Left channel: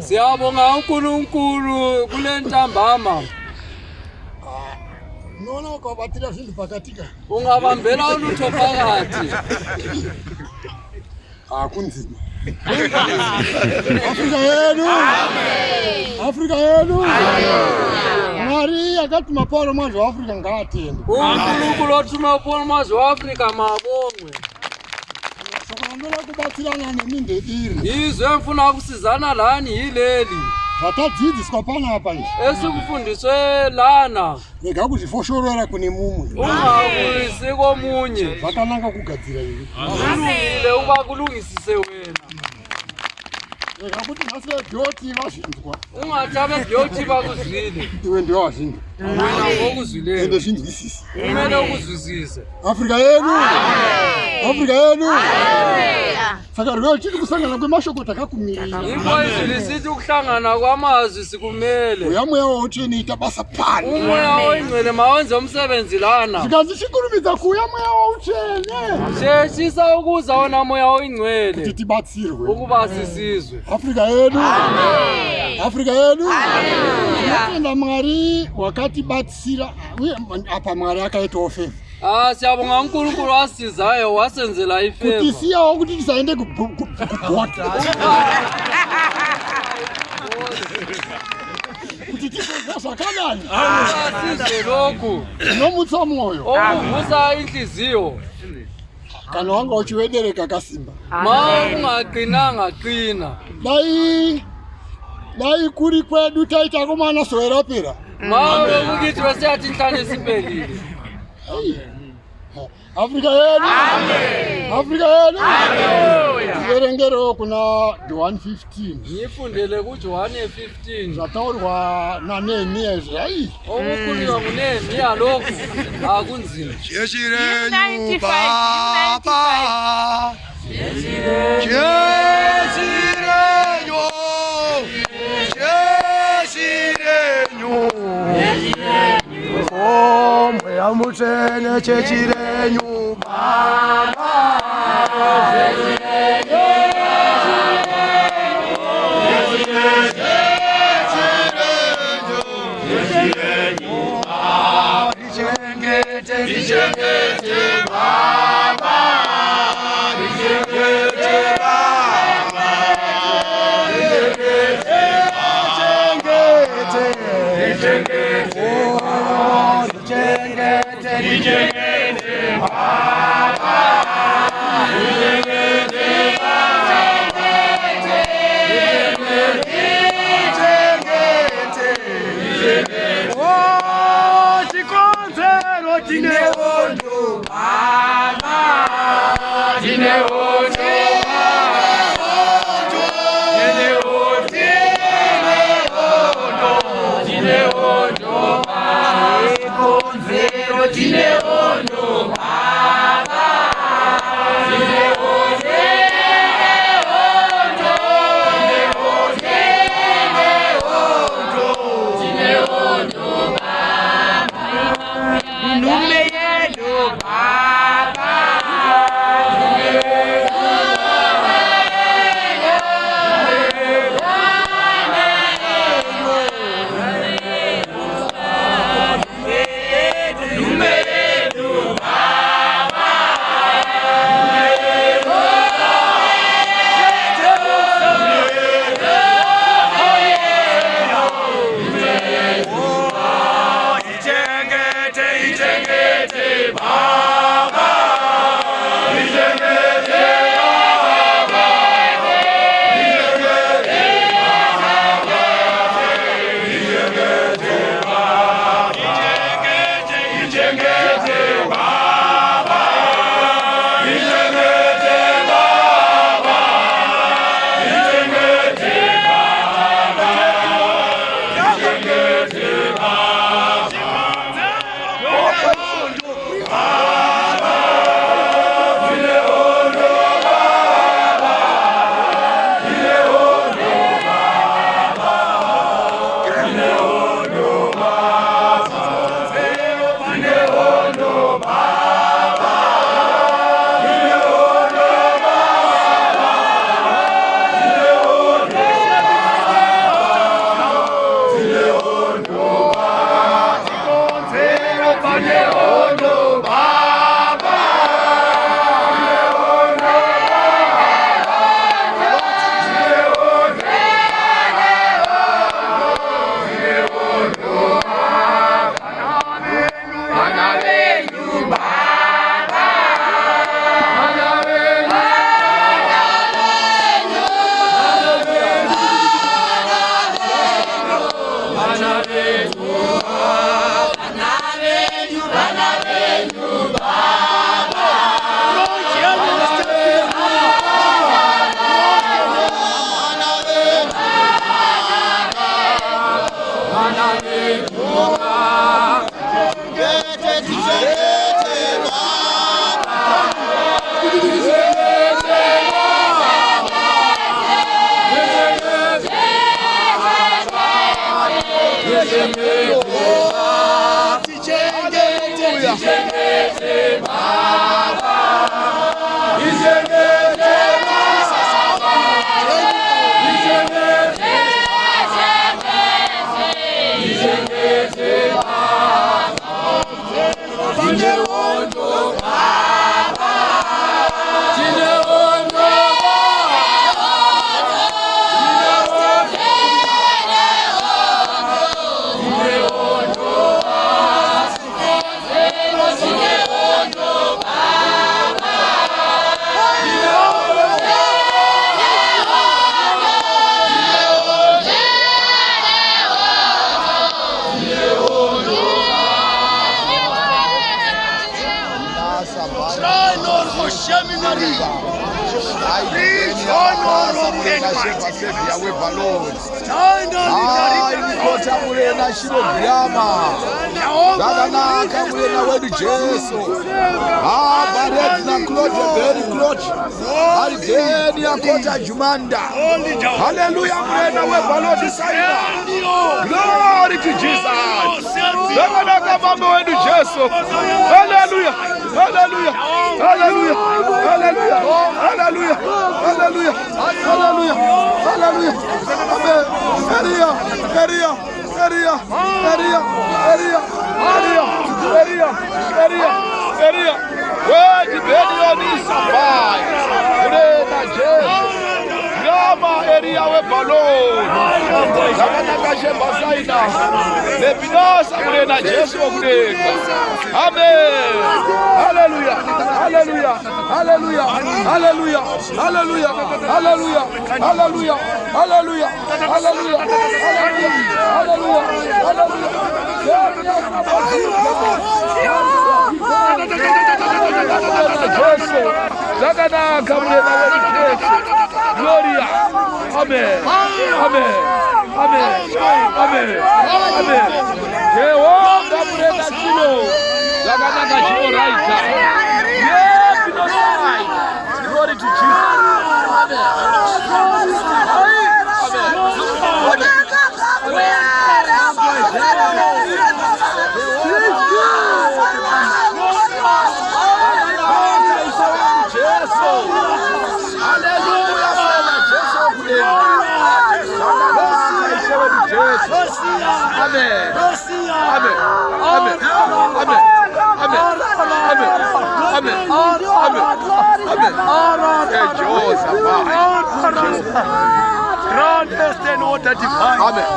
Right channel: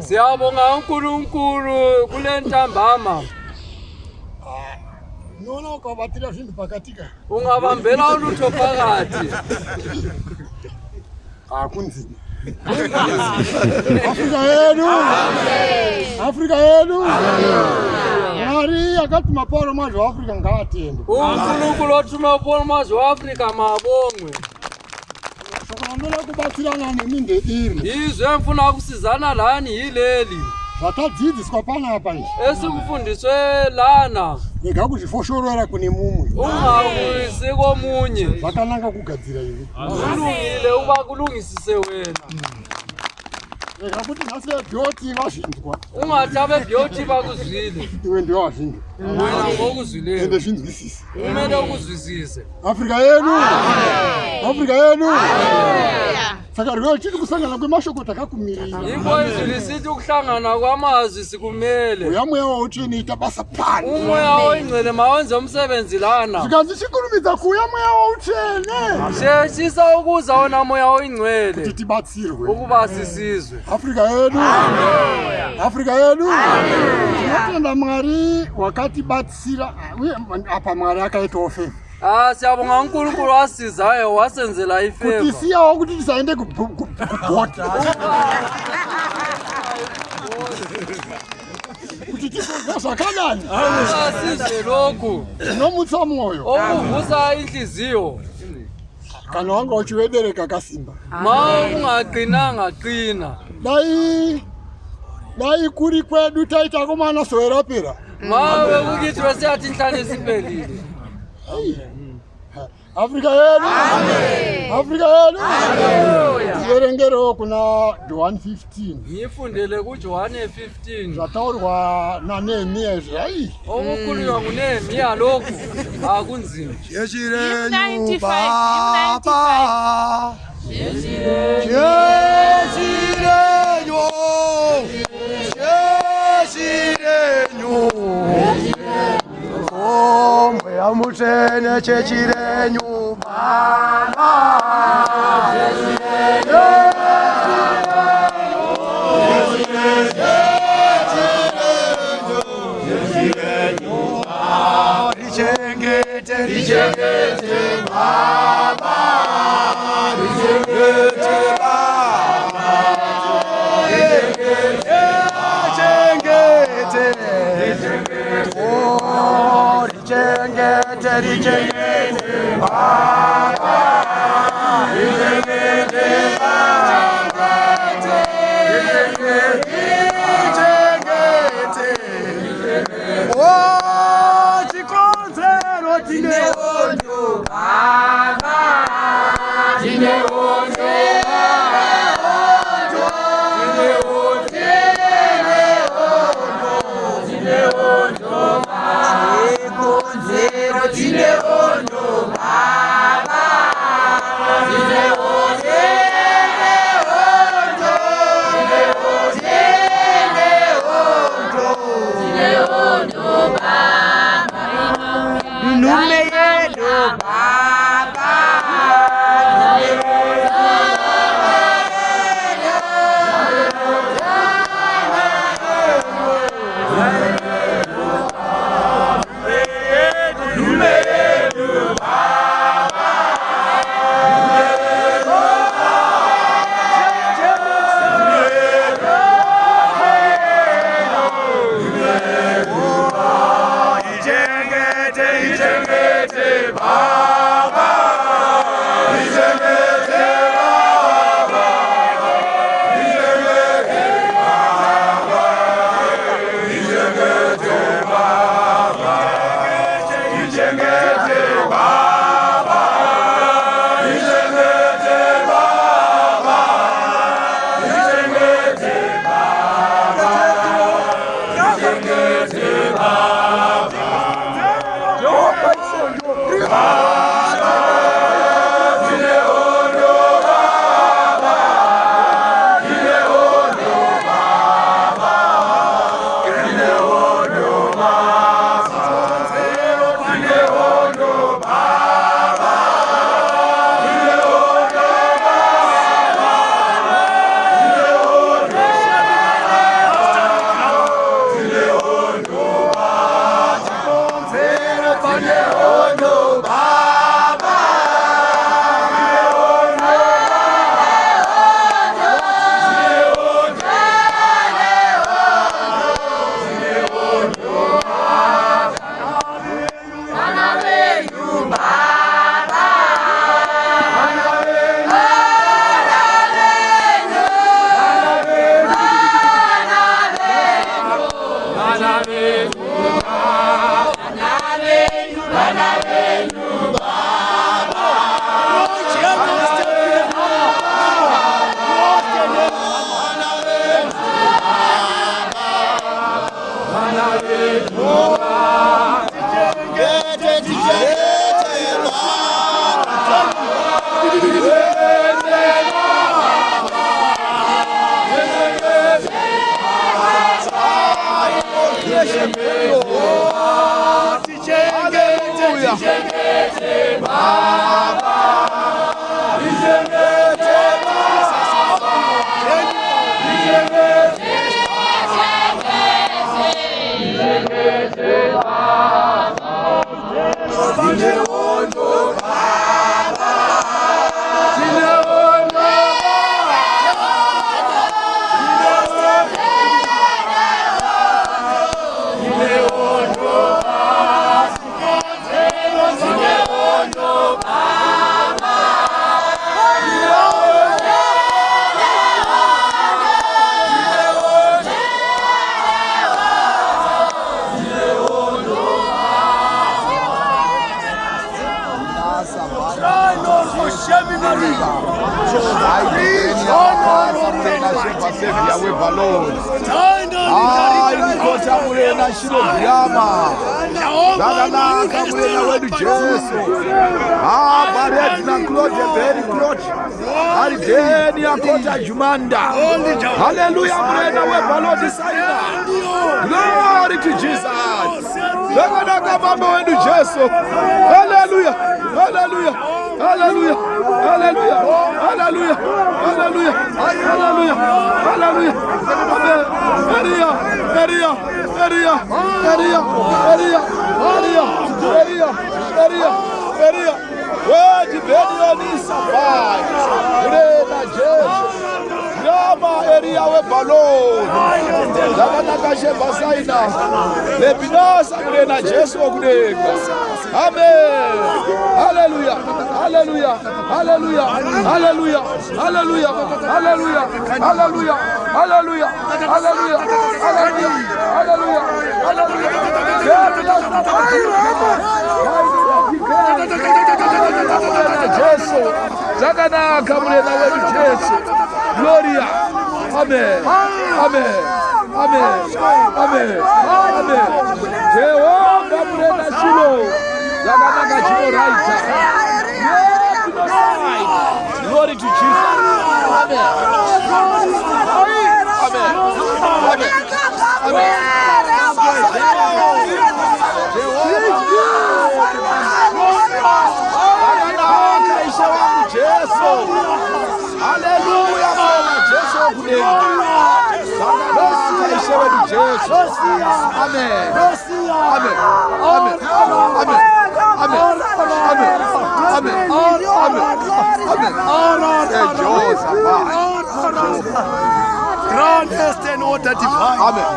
Siyabonga uNkulunkulu kule ntambama. Nona ukabatira zvinhu pakatika. Ungabambela ulutho phakathi. Kunzima. Afrika yenu. Amen. Afrika yenu. Amen. Mari akati maporo mazvo Afrika ngaatende. uNkulunkulu othuma uporo mazvo Afrika mabongwe. Sokulandela kubatsirana neminde iri. Izwe mfuna ukusizana lani yileli. Vatadzidziswa panapa izvi. Esikufundiswe lana. Rega kuzvifoshorora kune mumwe. Ungabuyisi komunye. Zvakanaka kugadzira ivi. Kulungile uba kulungisise wena. Rega kuti nhasi veByoti vazvinzwa. Ungathabe Byoti bakuzwile. Iwe ndiwe wazvinzwa. Wena ngokuzwileyo. Ende zvinzwisise. Kumele ukuzwisise. Afrika yenu. Afrika yenu. Saka rweo chiti kusangana kwemashokota akakumirira. Iko izwi lisithi ukuhlangana kwamazwi sikumele. Uyamoya wautsvene ita basa pano. Umoya oyingcwele mawenze umsebenzi lana. Zvikanzi chikurumidza kuuyamoya wautsvene. Sheshisa ukuza wona moya oyingcwele. Kuti tibatsirwe. Ukuba sisizwe. Afrika yenu. Afrika yenu. Tinotenda Mwari wakatibatsira. Apa Mwari akaita ofefa. Siyabonga uNkulunkulu asizayo wasenzela ifeva. Kuti siyawo kuti tisaende kubhota. Kuti tizoza kanani. Sizwe lokhu. Nomutsa moyo. Okuvusa inhliziyo. Kana wanga uchiwedereka kasimba. Ma ungaqinanga qina. Dai kuri kwedu taita komana sowerapera. Ma ukukithi wesiyathi inhlane siphelile. Afrika yenu. Amen. Afrika yenu. Haleluya. Iverengero kuna John 15. Ngifundele kuJohn 15. Zvataurwa naNehemiya zvai. Okukhulunywa kuNehemiya lokhu akunzima. Yeshirenyu Baba. Yeshirenyu. Yeshirenyu. Mutene chechirenyu Baba. Richengete Baba. Richengete Baba. Richengete. Zadanaka murena wedu Jesu. Bared na klote beri klote. Arideni akota jumanda. Hallelujah murena we balodi saina. Glory to Jesus. Zadanaka baba wedu Jesu. Hallelujah. Hallelujah. Hallelujah. Hallelujah. Hallelujah. Hallelujah. Hallelujah. Hallelujah. Amen. Maria. Maria. Maria. Maria. Maria. Maria. Maria. Maria. Maria. Where the baby is survive. Rena Jesu. Grama area we balon. Zamana kashe basaina. Lepinasa Rena Jesu kurega. Amen. Hallelujah. Hallelujah. Hallelujah. Hallelujah. Hallelujah. Hallelujah. Hallelujah. Hallelujah. Hallelujah. Hallelujah. Hallelujah. Hallelujah. Jesu. Zakana kamuna wewe Jesu. Gloria. Amen. Amen. Amen. Amen. Amen. Jehovah brother Shiloh. Zakana kachimo right. Glory to Jesus. Amen. Amen.